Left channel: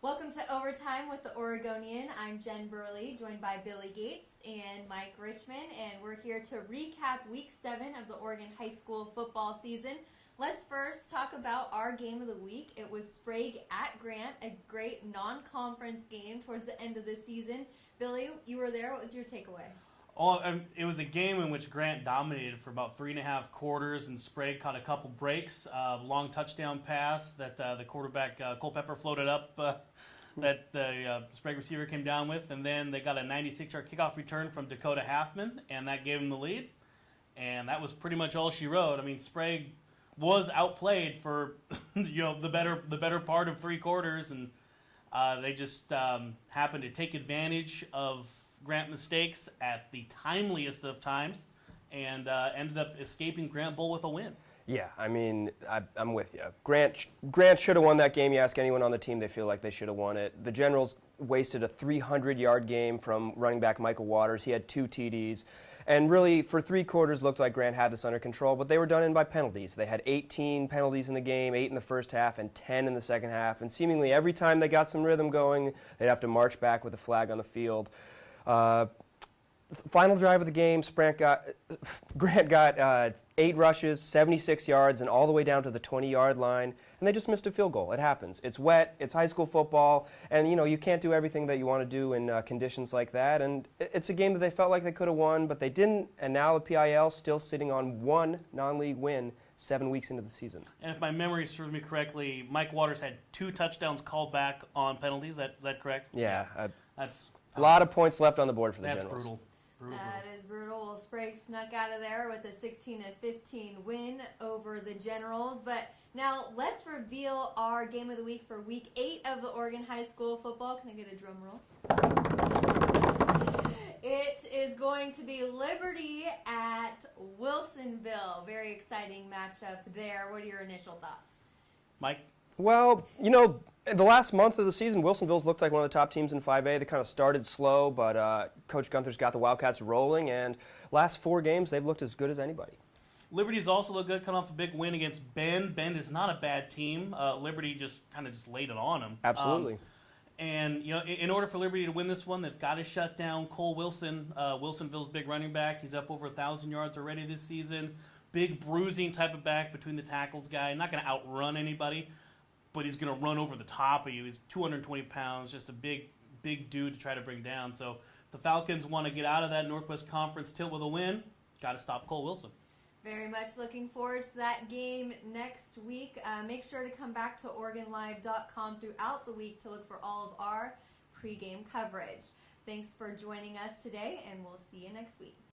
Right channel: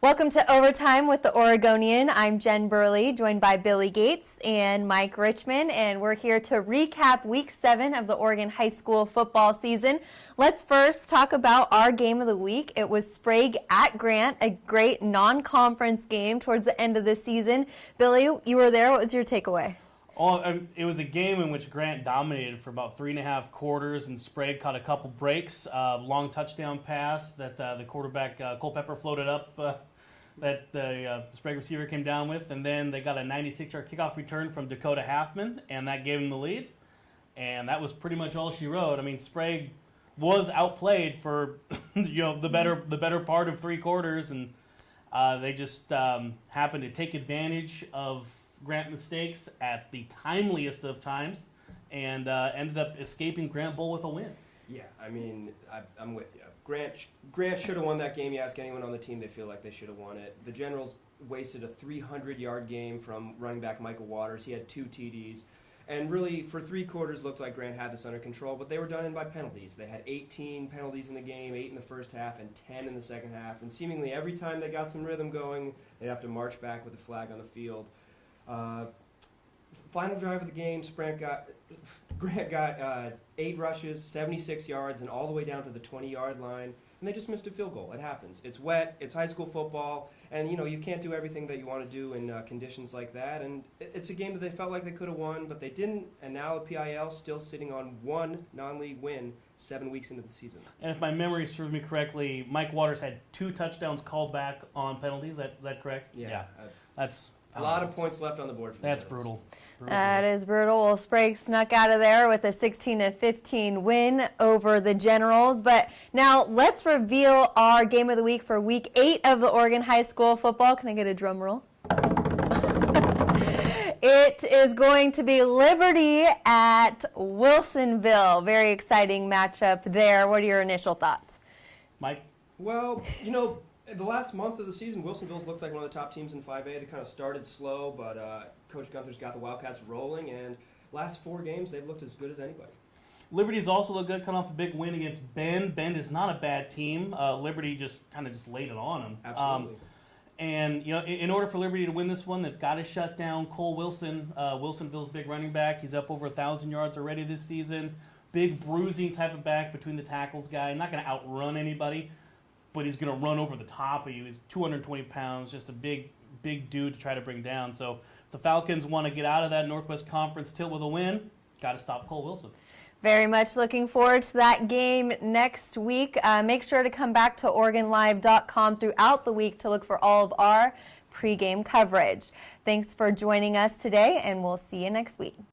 Welcome to Overtime with the Oregonian. I'm Jen Burley, joined by Billy Gates and Mike Richmond, and we're here to recap Week 7 of the Oregon High School football season. Let's first talk about our game of the week. It was Sprague at Grant, a great non-conference game towards the end of the season. Billy, you were there. What was your takeaway? It was a game in which Grant dominated for about 3.5 quarters, and Sprague caught a couple breaks. Long touchdown pass that the quarterback, Culpepper, floated up that the Sprague receiver came down with, and then they got a 96-yard kickoff return from Dakota Halfman, and that gave him the lead. And that was pretty much all she wrote. I mean, Sprague was outplayed for the better part of 3 quarters, and they just happened to take advantage of Grant mistakes at the timeliest of times, and ended up escaping Grant Bowl with a win. Yeah, I mean, I'm with you. Grant should have won that game. You ask anyone on the team, they feel like they should have won it. The Generals wasted a 300-yard game from running back Michael Waters. He had 2 TDs. And really, for 3 quarters, looked like Grant had this under control, but they were done in by penalties. They had 18 penalties in the game, 8 in the first half and 10 in the second half. And seemingly every time they got some rhythm going, they'd have to march back with a flag on the field. Final drive of the game, Grant got 8 rushes, 76 yards, and all the way down to the 20-yard line, and they just missed a field goal. It happens. It's wet. It's high school football, and you can't do everything that you want to do in conditions like that. And it's a game that they felt like they could have won, but they didn't. And now the PIL still sitting on 1 non-league win 7 weeks into the season. And if my memory serves me correctly, Mike Waters had 2 touchdowns called back on penalties. Is that correct? Yeah. That's a lot of points left on the board for the That's Generals. brutal. That is brutal. Well, Sprague snuck out of there with a 16-15 win over the Generals. But now let's reveal our game of the week for Week 8 of the Oregon High School football. Can I get a drum roll? It is going to be Liberty at Wilsonville. Very exciting matchup there. What are your initial thoughts? Mike? Well, the last month of the season, Wilsonville's looked like one of the top teams in 5A. They kind of started slow, but Coach Gunther's got the Wildcats rolling, and last 4 games, they've looked as good as anybody. Liberty's also looked good, coming off a big win against Bend. Bend is not a bad team. Liberty just laid it on them. Absolutely. And in order for Liberty to win this one, they've got to shut down Cole Wilson, Wilsonville's big running back. He's up over 1,000 yards already this season. Big bruising type of back between the tackles guy. Not going to outrun anybody, but he's going to run over the top of you. He's 220 pounds, just a big dude to try to bring down. So if the Falcons want to get out of that Northwest Conference tilt with a win, got to stop Cole Wilson. Very much looking forward to that game next week. Make sure to come back to OregonLive.com throughout the week to look for all of our pregame coverage. Thanks for joining us today, and we'll see you next week.